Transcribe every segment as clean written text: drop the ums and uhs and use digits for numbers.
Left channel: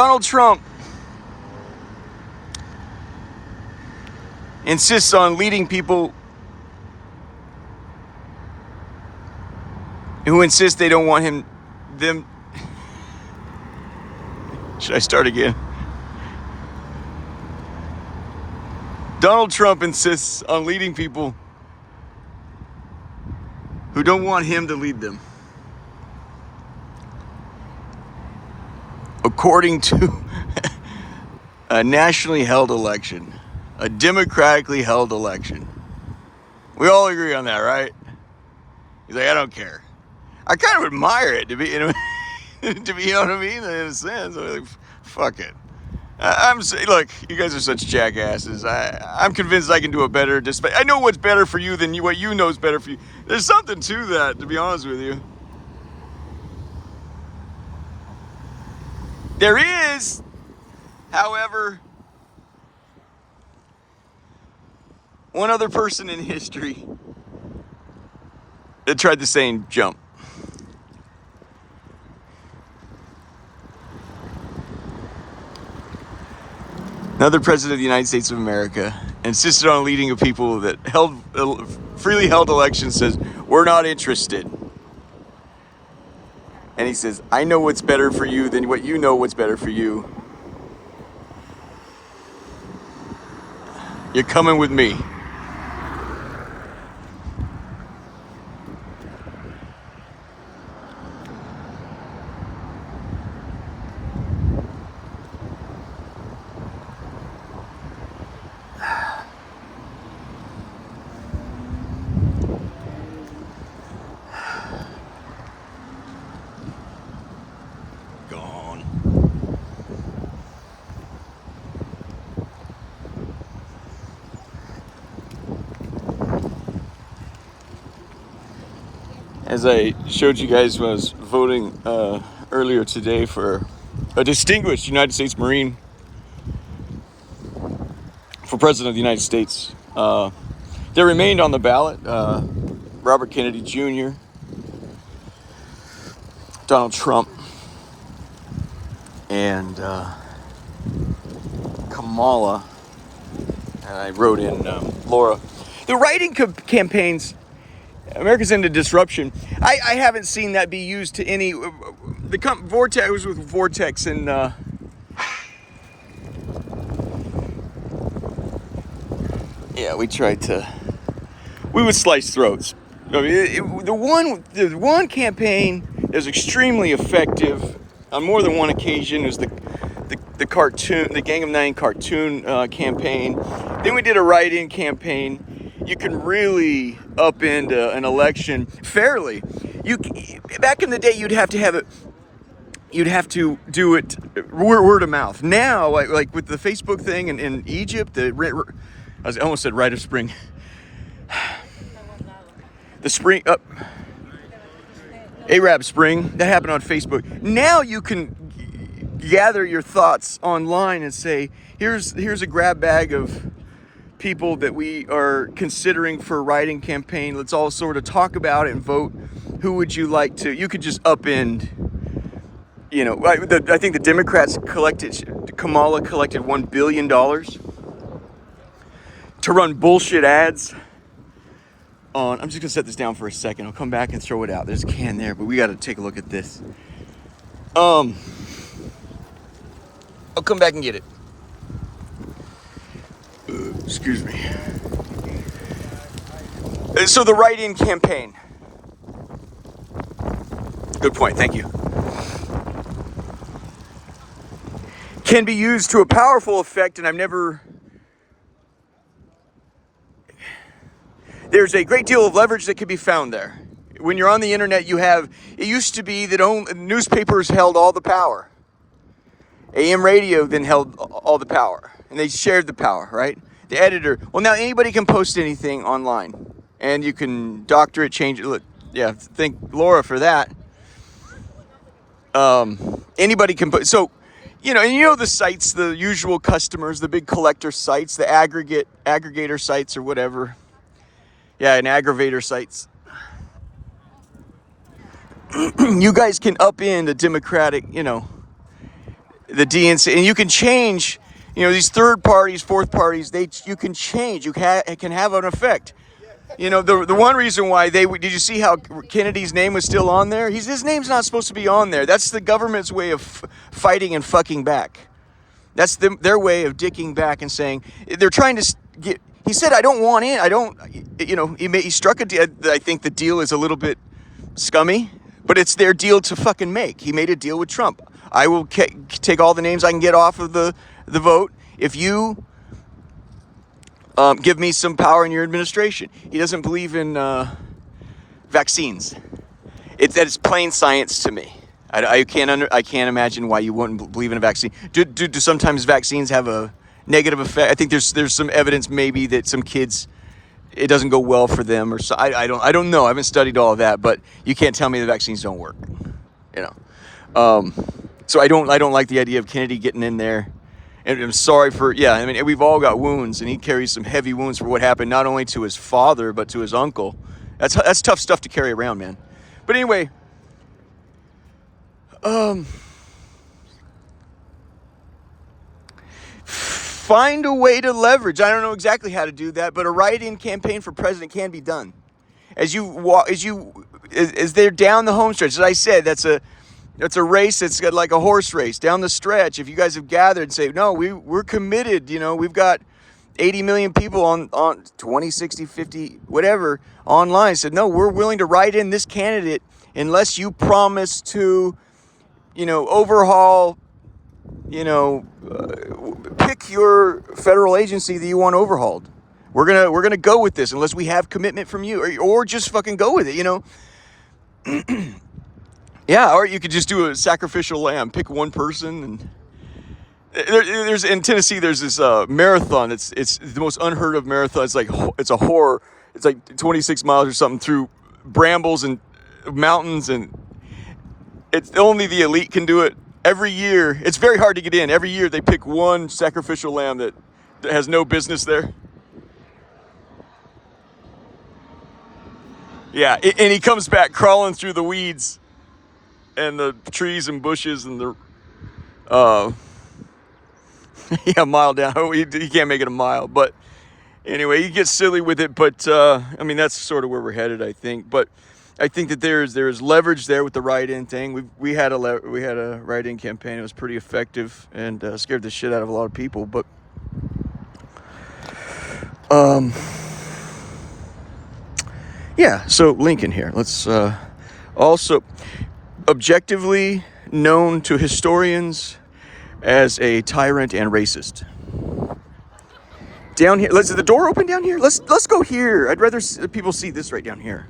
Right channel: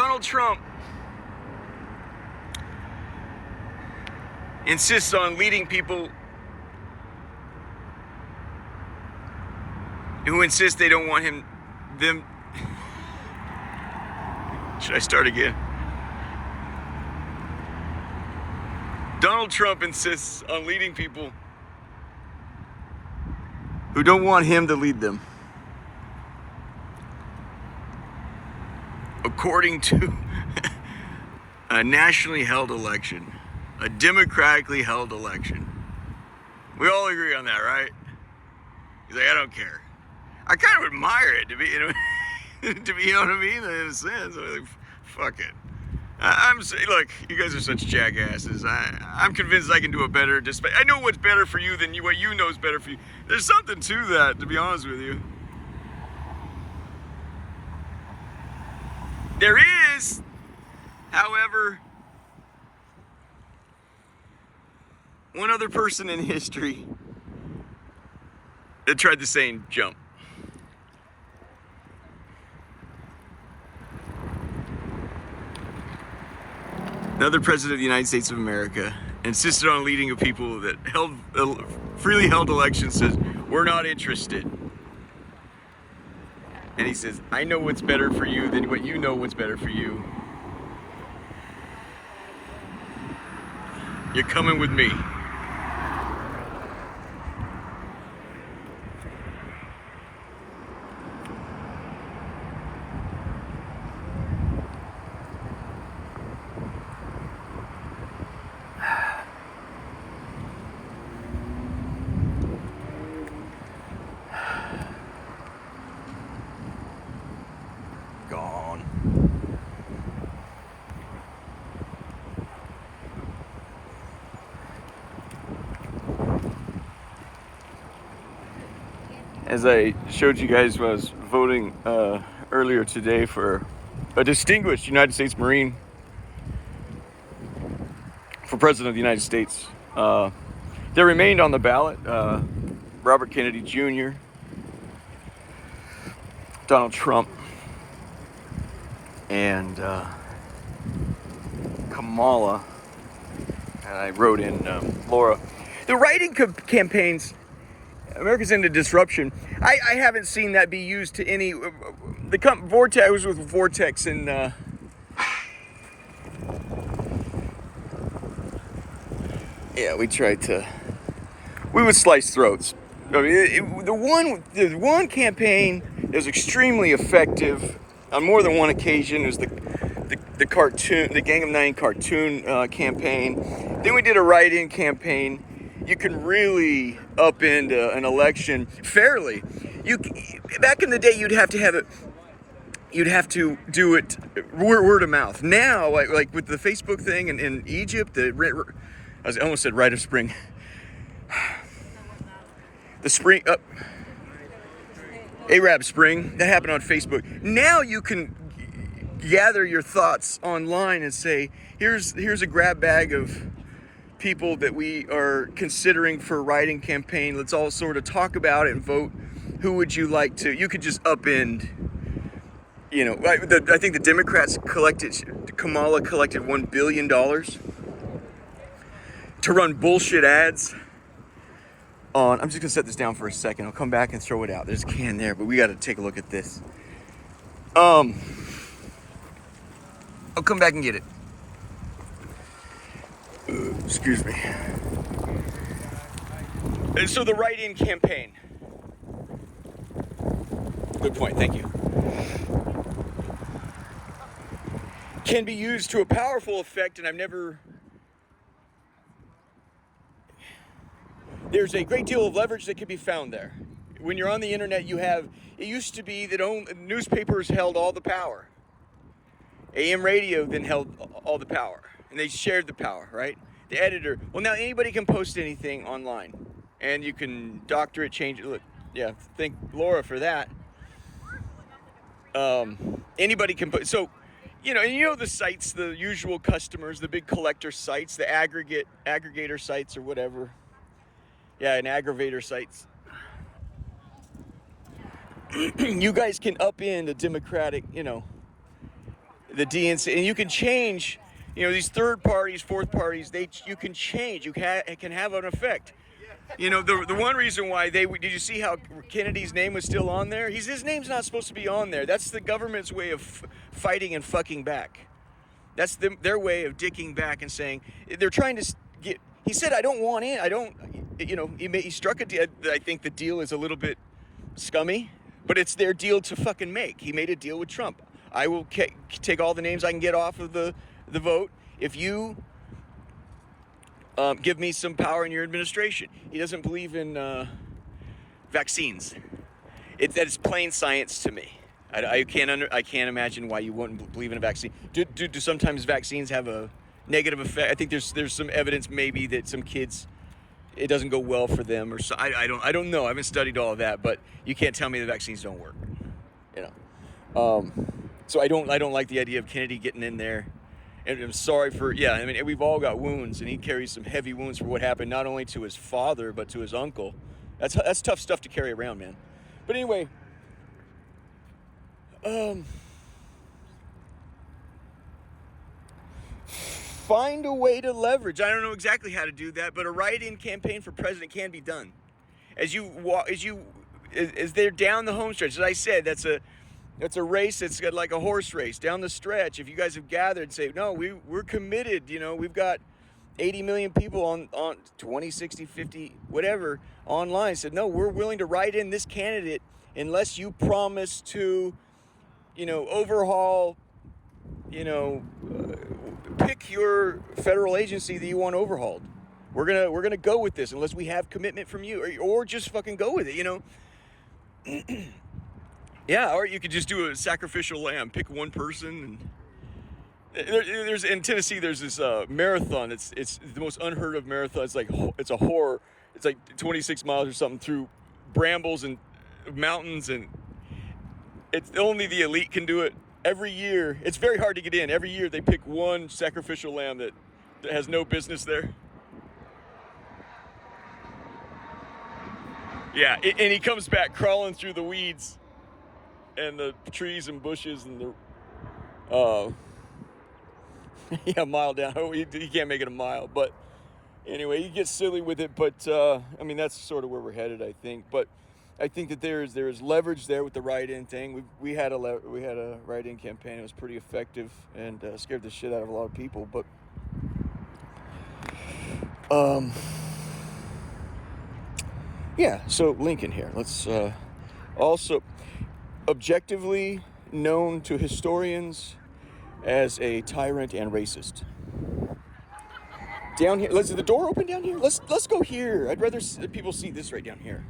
Donald Trump insists on leading people who insist they don't want them. Should I start again? Donald Trump insists on leading people who don't want him to lead them. According to a nationally held election, a democratically held election. We all agree on that, right? He's like, I don't care. I kind of admire it, to be, you know what I mean? In a sense, I'm like, fuck it. Look, you guys are such jackasses. I'm convinced I can do a better. I know what's better for you than what you know is better for you. There's something to that, to be honest with you. There is, however, one other person in history that tried the same jump. Another president of the United States of America insisted on leading a people that freely held elections, says, we're not interested. And he says, I know what's better for you than what you know what's better for you. You're coming with me. Gone. As I showed you guys when I was voting earlier today for a distinguished United States Marine for President of the United States, there remained on the ballot Robert Kennedy Jr., Donald Trump, and Kamala, and I wrote in Laura. The writing campaigns, America's into disruption. I haven't seen that be used to any. Vortex, I was with Vortex and yeah, we would slice throats. I mean, the one campaign that was extremely effective on more than one occasion was the cartoon, the Gang of Nine cartoon campaign. Then we did a write-in campaign. You can really upend an election fairly. Back in the day, you'd have to do it word of mouth. Now, like with the Facebook thing in Egypt, I almost said Rite of Spring. The spring up, Arab Spring, that happened on Facebook. Now you can gather your thoughts online and say, here's a grab bag of people that we are considering for a writing campaign. Let's all sort of talk about it and vote. Who would you like to? You could just upend. You know, I think the Democrats Kamala collected $1 billion to run bullshit ads on. I'm just gonna set this down for a second. I'll come back and throw it out. There's a can there, but we got to take a look at this. I'll come back and get it. Excuse me. So the write-in campaign. Good point. Thank you. Can be used to a powerful effect, and there's a great deal of leverage that can be found there. When you're on the internet, it used to be that newspapers held all the power. AM radio then held all the power, and they shared the power, right? The editor, well, now anybody can post anything online, and you can doctor it, change it. Look, yeah, thank Laura for that. Anybody can put, so, and the sites, the usual customers, the big collector sites, the aggregator sites or whatever. Yeah, and aggravator sites. You guys can upend a Democratic, the DNC, and you can change, these third parties, fourth parties, you can change, it can have an effect. The one reason why did you see how Kennedy's name was still on there? His name's not supposed to be on there. That's the government's way of fighting and fucking back. That's their way of dicking back and saying, they're trying to get, he said, I don't want in, I don't, he struck a deal. I think the deal is a little bit scummy, but it's their deal to fucking make. He made a deal with Trump. I will take all the names I can get off of the vote if you give me some power in your administration. He doesn't believe in vaccines. It's plain science to me. I can't imagine why you wouldn't believe in a vaccine. Do sometimes vaccines have a negative effect? I think there's some evidence maybe that some kids, it doesn't go well for them, or so. I don't know. I haven't studied all of that, but you can't tell me the vaccines don't work. So I don't like the idea of Kennedy getting in there. And I'm sorry for, we've all got wounds, and he carries some heavy wounds for what happened not only to his father but to his uncle. That's tough stuff to carry around, man. But anyway, find a way to leverage. I don't know exactly how to do that, but a write-in campaign for president can be done. As they're down the home stretch, as I said, that's a race that's got like a horse race down the stretch. If you guys have gathered and say, no, we're committed, we've got 80 million people on 20, 60, 50, whatever, online, said, no, we're willing to write in this candidate unless you promise to, overhaul, pick your federal agency that you want overhauled. We're gonna go with this unless we have commitment from you, or just fucking go with it, Yeah, or you could just do a sacrificial lamb. Pick one person, and there's in Tennessee. There's this marathon. It's the most unheard of marathon. It's a horror. It's like 26 miles or something through brambles and mountains, and it's only the elite can do it. Every year, it's very hard to get in. Every year they pick one sacrificial lamb that has no business there. Yeah, and he comes back crawling through the weeds and the trees and bushes and the a mile down. He can't make it a mile, but anyway, he gets silly with it. But that's sort of where we're headed, I think. But I think that there's leverage there with the write-in thing. We had a write-in campaign. It was pretty effective and scared the shit out of a lot of people. But so Lincoln here. Let's also objectively known to historians as a tyrant and racist. Down here, is the door open down here? Let's go here. I'd rather people see this right down here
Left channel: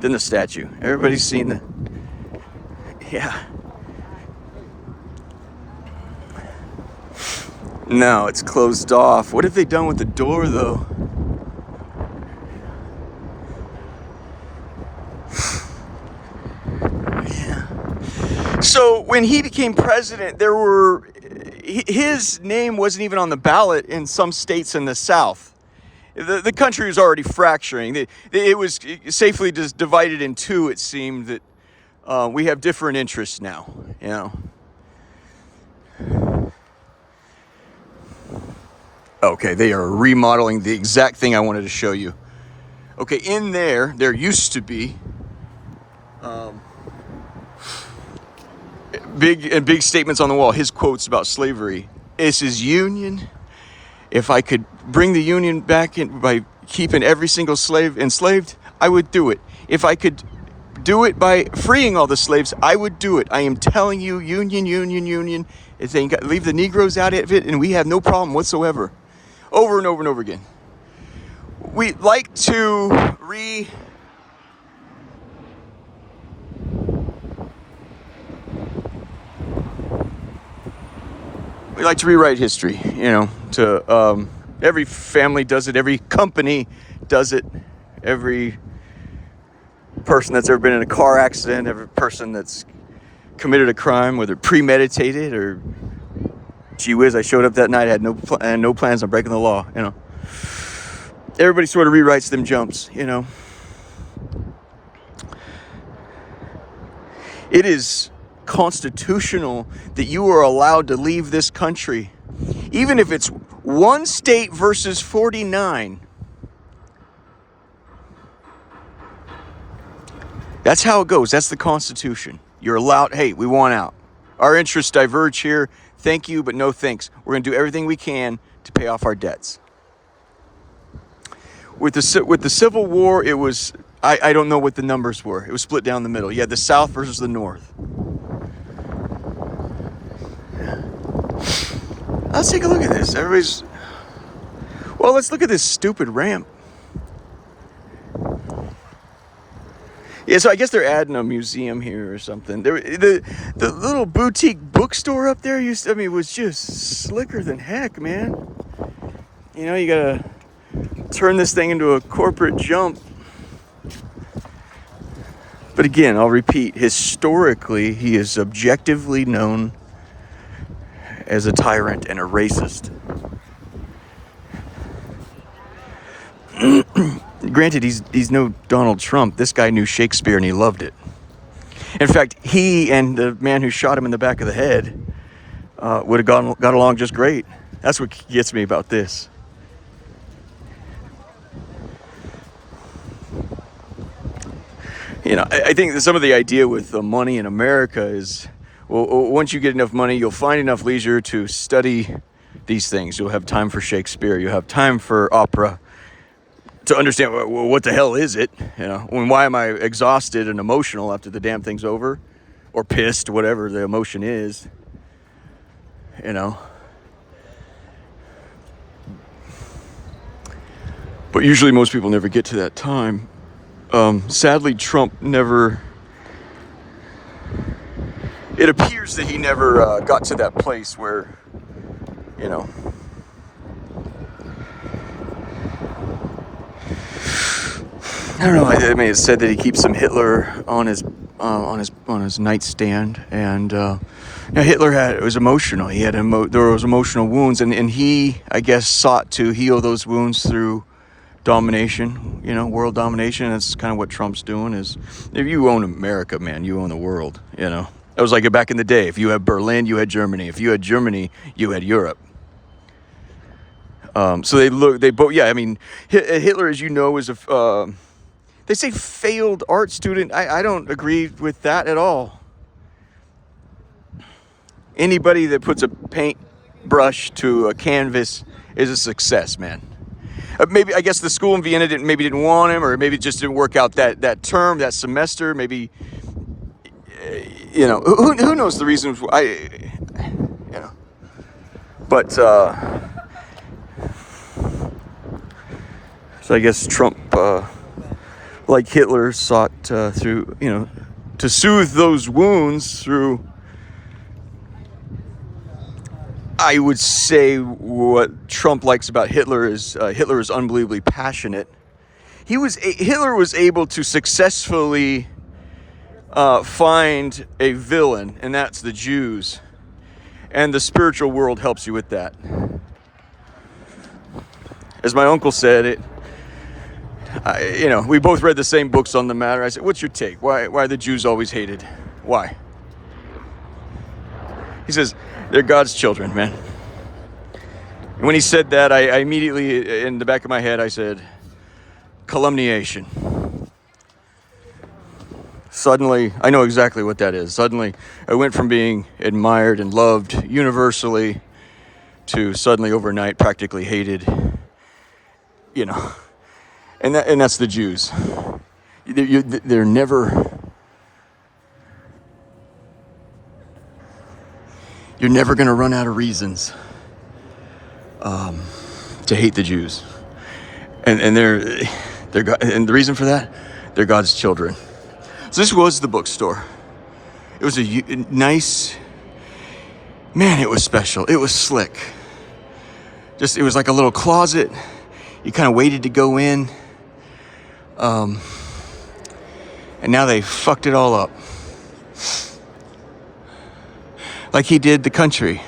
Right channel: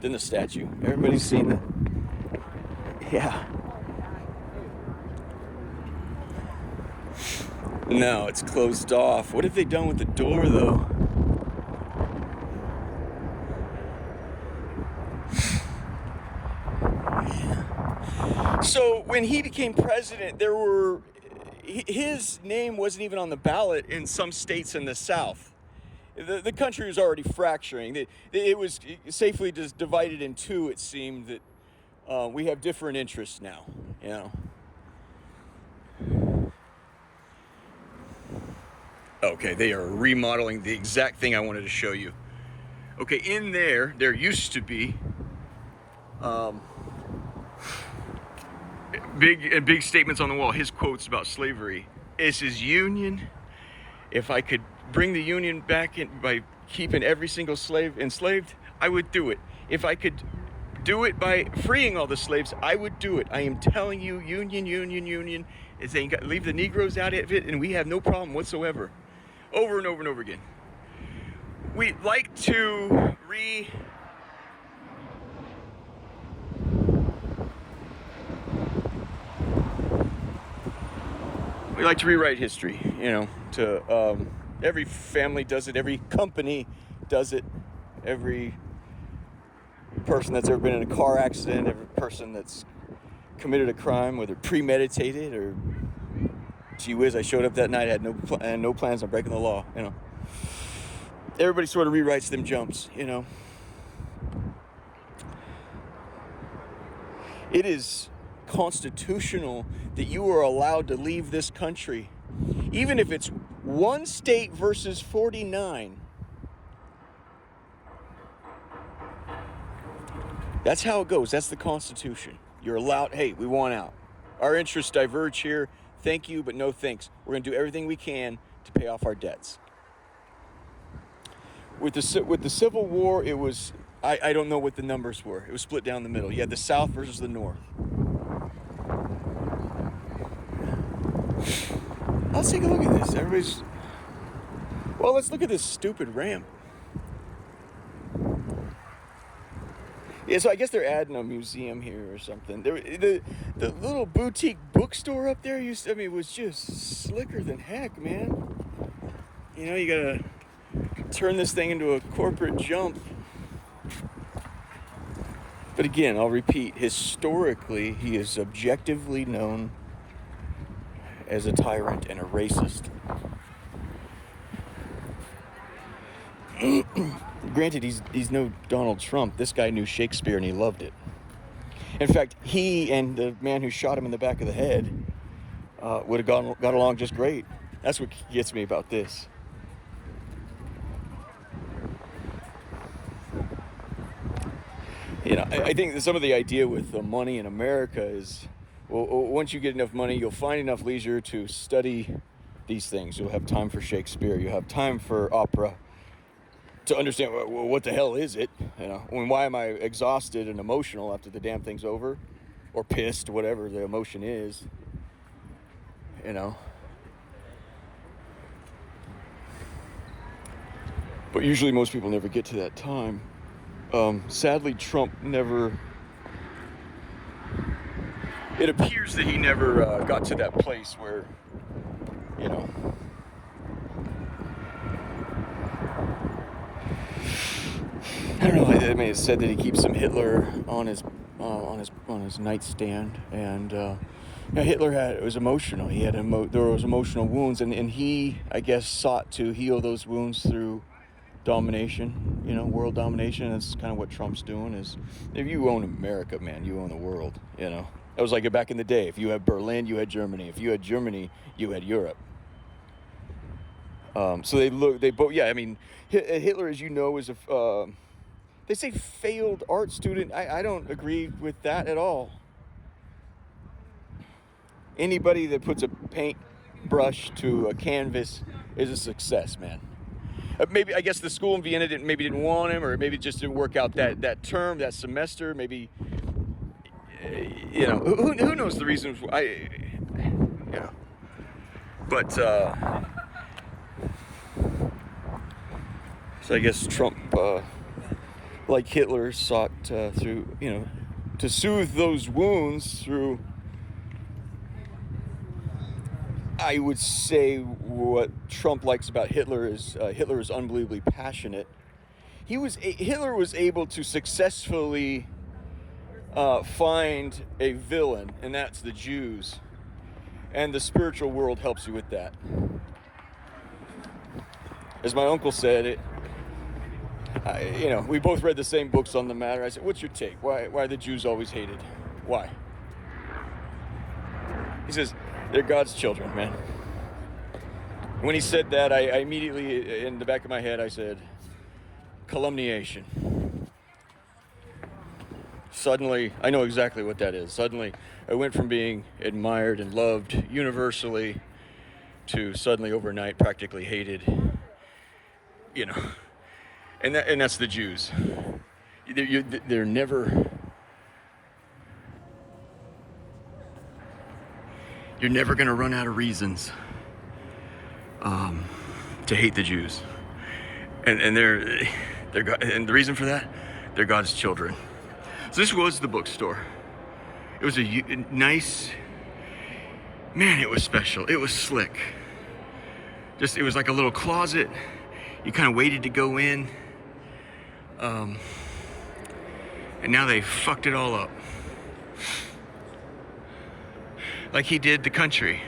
than the statue. Everybody's seen the, yeah. No, it's closed off. What have they done with the door though? So when he became president, his name wasn't even on the ballot in some states in the South. The country was already fracturing. It was safely just divided in two, it seemed, that we have different interests now, Okay, they are remodeling the exact thing I wanted to show you. Okay, in there used to be big statements on the wall. His quotes about slavery. This is Union. If I could bring the Union back in by keeping every single slave enslaved, I would do it. If I could do it by freeing all the slaves, I would do it. I am telling you, Union. If they leave the Negroes out of it, and we have no problem whatsoever. Over and over and over again. We like to We like to rewrite history, every family does it, every company does it, every person that's ever been in a car accident, every person that's committed a crime, whether premeditated or, gee whiz, I showed up that night, I had no plans on breaking the law, Everybody sort of rewrites them jumps, It is constitutional that you are allowed to leave this country, even if it's one state versus 49. That's how it goes. That's the Constitution. You're allowed, hey, we want out. Our interests diverge here. Thank you, but no thanks. We're going to do everything we can to pay off our debts. With the Civil War, it was, I don't know what the numbers were. It was split down the middle. You had the South versus the North. Let's take a look at this. Well, let's look at this stupid ramp. Yeah, so I guess they're adding a museum here or something. The little boutique bookstore up there was just slicker than heck, man. You know, you gotta turn this thing into a corporate jump. But again, I'll repeat, historically, he is objectively known as a tyrant and a racist. Granted, he's no Donald Trump. This guy knew Shakespeare and he loved it. In fact, he and the man who shot him in the back of the head would have got along just great. That's what gets me about this. You know, I think some of the idea with the money in America is, well, once you get enough money, you'll find enough leisure to study these things. You'll have time for Shakespeare. You'll have time for opera. To understand, well, what the hell is it? You know, why am I exhausted and emotional after the damn thing's over? Or pissed, whatever the emotion is. You know. But usually most people never get to that time. Sadly, Trump never... It appears that he never got to that place where, you know... I don't know. I mean, it said that he keeps some Hitler on his nightstand, and Hitler was emotional. He had there was emotional wounds, and he, I guess, sought to heal those wounds through domination. You know, world domination. That's kind of what Trump's doing. Is if you own America, man, you own the world. You know, it was like back in the day. If you had Berlin, you had Germany. If you had Germany, you had Europe. So they both. Yeah, I mean, Hitler, as you know, is a they say failed art student. I don't agree with that at all. Anybody that puts a paintbrush to a canvas is a success, man. Maybe, I guess the school in Vienna didn't want him, or maybe it just didn't work out that term, that semester. Maybe, you know, who knows the reasons why, you know. But, so I guess Trump, like Hitler, sought through, you know, to soothe those wounds through, I would say what Trump likes about Hitler is unbelievably passionate. Hitler was able to successfully find a villain, and that's the Jews. And the spiritual world helps you with that. As my uncle said, you know, we both read the same books on the matter. I said, what's your take? Why are the Jews always hated? Why? He says, they're God's children, man. And when he said that, I immediately, in the back of my head, I said, calumniation. Suddenly, I know exactly what that is. Suddenly, I went from being admired and loved universally to suddenly overnight practically hated, you know. And that's the Jews. They're never... You're never going to run out of reasons to hate the Jews. And they're God, and the reason for that, they're God's children. So this was the bookstore. It was a nice... Man, it was special. It was slick. It was like a little closet. You kind of waited to go in. And now they fucked it all up. Like he did the country.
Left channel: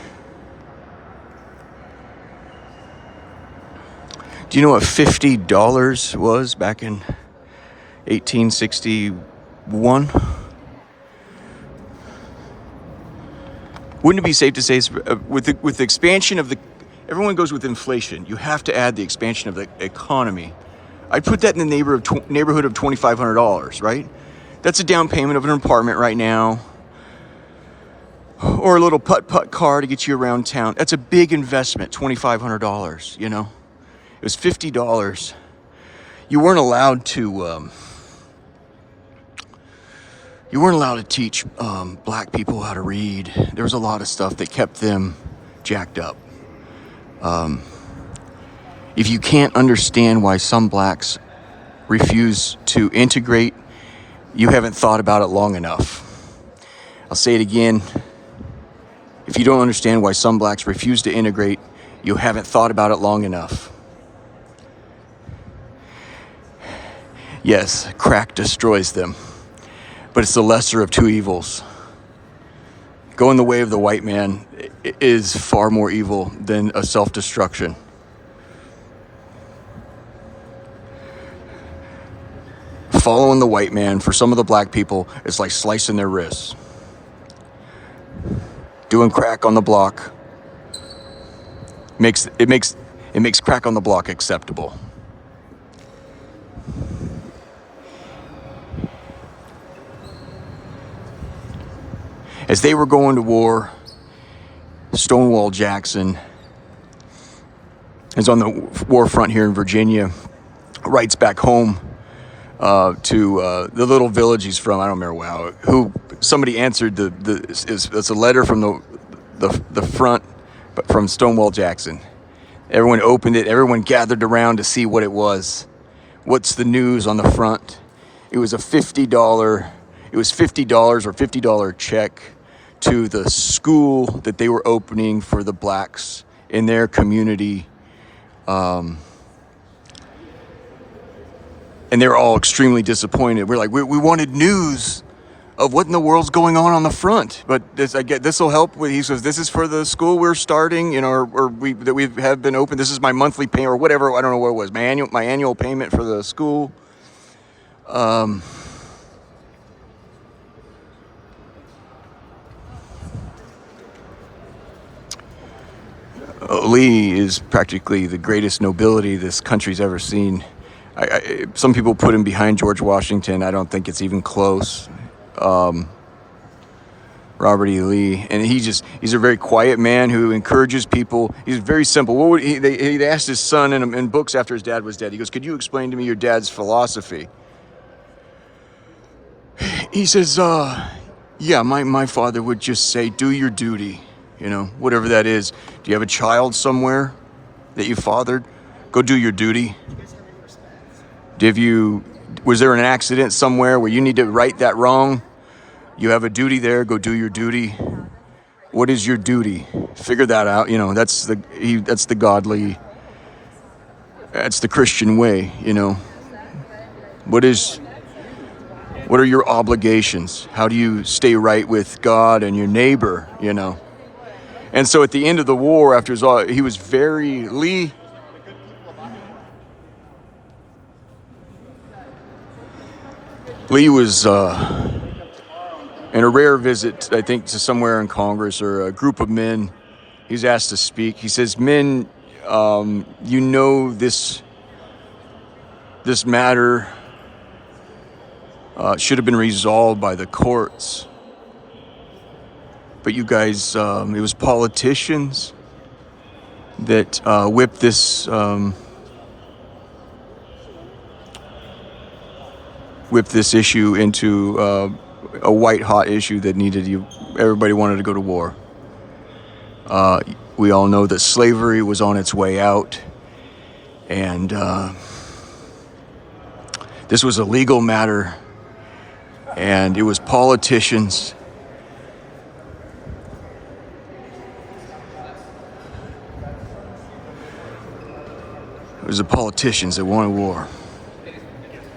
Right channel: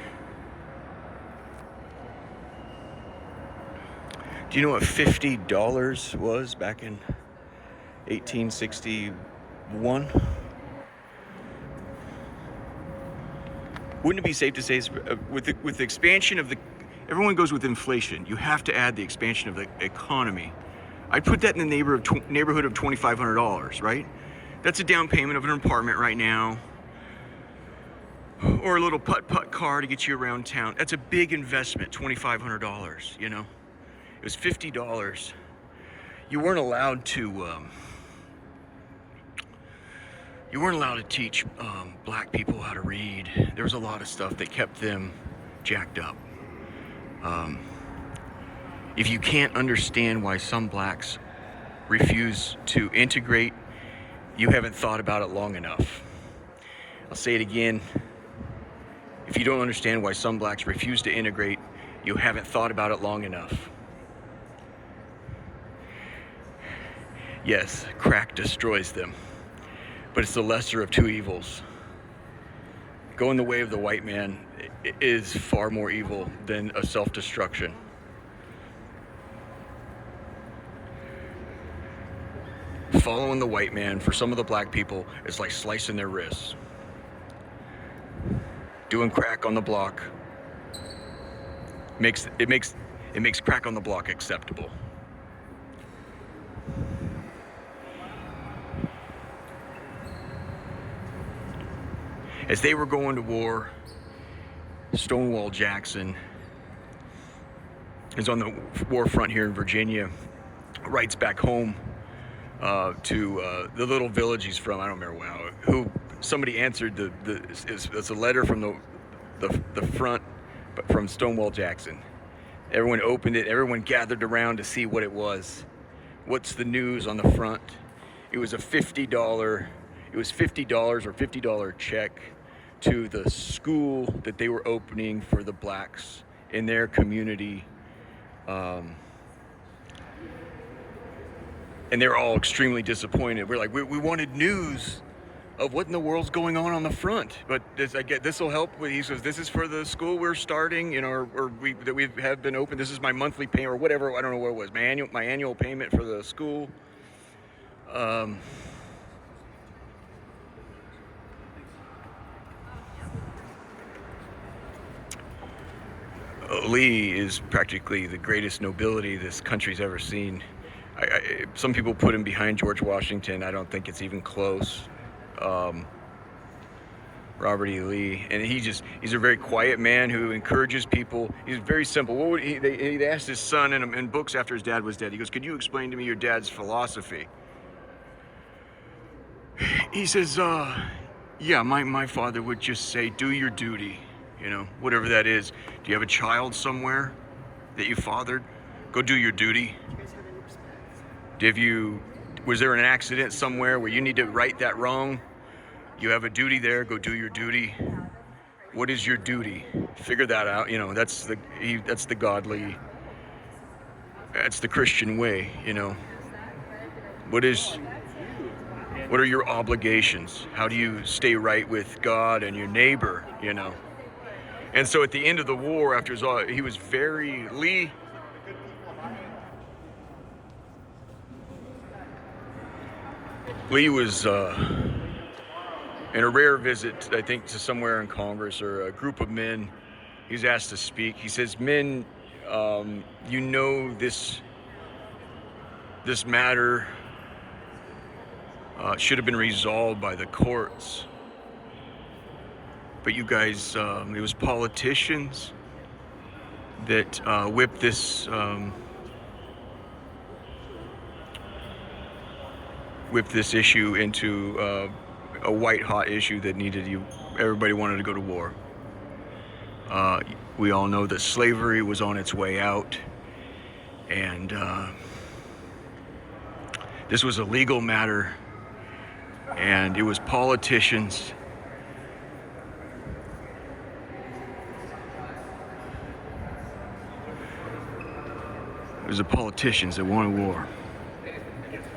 Do you know what $50 was back in 1861? Wouldn't it be safe to say with the expansion of the, everyone goes with inflation. You have to add the expansion of the economy. I put that in the neighborhood of $2,500, right? That's a down payment of an apartment right now, or a little putt-putt car to get you around town. That's a big investment, $2,500, you know? It was $50. You weren't allowed to teach black people how to read. There was a lot of stuff that kept them jacked up. If you can't understand why some blacks refuse to integrate, you haven't thought about it long enough. I'll say it again. If you don't understand why some blacks refuse to integrate, you haven't thought about it long enough. Yes, crack destroys them, but it's the lesser of two evils. Going the way of the white man is far more evil than a self-destruction. Following the white man for some of the black people is like slicing their wrists. Doing crack on the block makes crack on the block acceptable. As they were going to war, Stonewall Jackson is on the war front here in Virginia, writes back home to the little village he's from. I don't remember who somebody answered it's a letter from the front, but from Stonewall Jackson. Everyone opened it. Everyone gathered around to see what it was. What's the news on the front? It was $50 or $50 check to the school that they were opening for the blacks in their community. And they're all extremely disappointed. We're like, we wanted news of what in the world's going on the front. But this will help. He says, this is for the school we're starting, you know, or we have been open. This is my monthly payment or whatever. I don't know what it was. My annual payment for the school. Lee is practically the greatest nobility this country's ever seen. Some people put him behind George Washington. I don't think it's even close. Robert E. Lee, and he's a very quiet man who encourages people. He's very simple. What would they asked his son in books after his dad was dead. He goes, "Could you explain to me your dad's philosophy?" He says, "Yeah, my father would just say, do your duty, you know, whatever that is. Do you have a child somewhere that you fathered? Go do your duty. Was there an accident somewhere where you need to right that wrong? You have a duty there, go do your duty. What is your duty? Figure that out. You know, that's the Christian way, you know. What are your obligations? How do you stay right with God and your neighbor, you know? And so at the end of the war, after he was very, Lee was in a rare visit, I think, to somewhere in Congress or a group of men. He's asked to speak. He says, "Men, you know this matter should have been resolved by the courts. But you guys, it was politicians that whipped this issue into a white-hot issue that everybody wanted to go to war. We all know that slavery was on its way out, and this was a legal matter, and it was politicians that wanted war."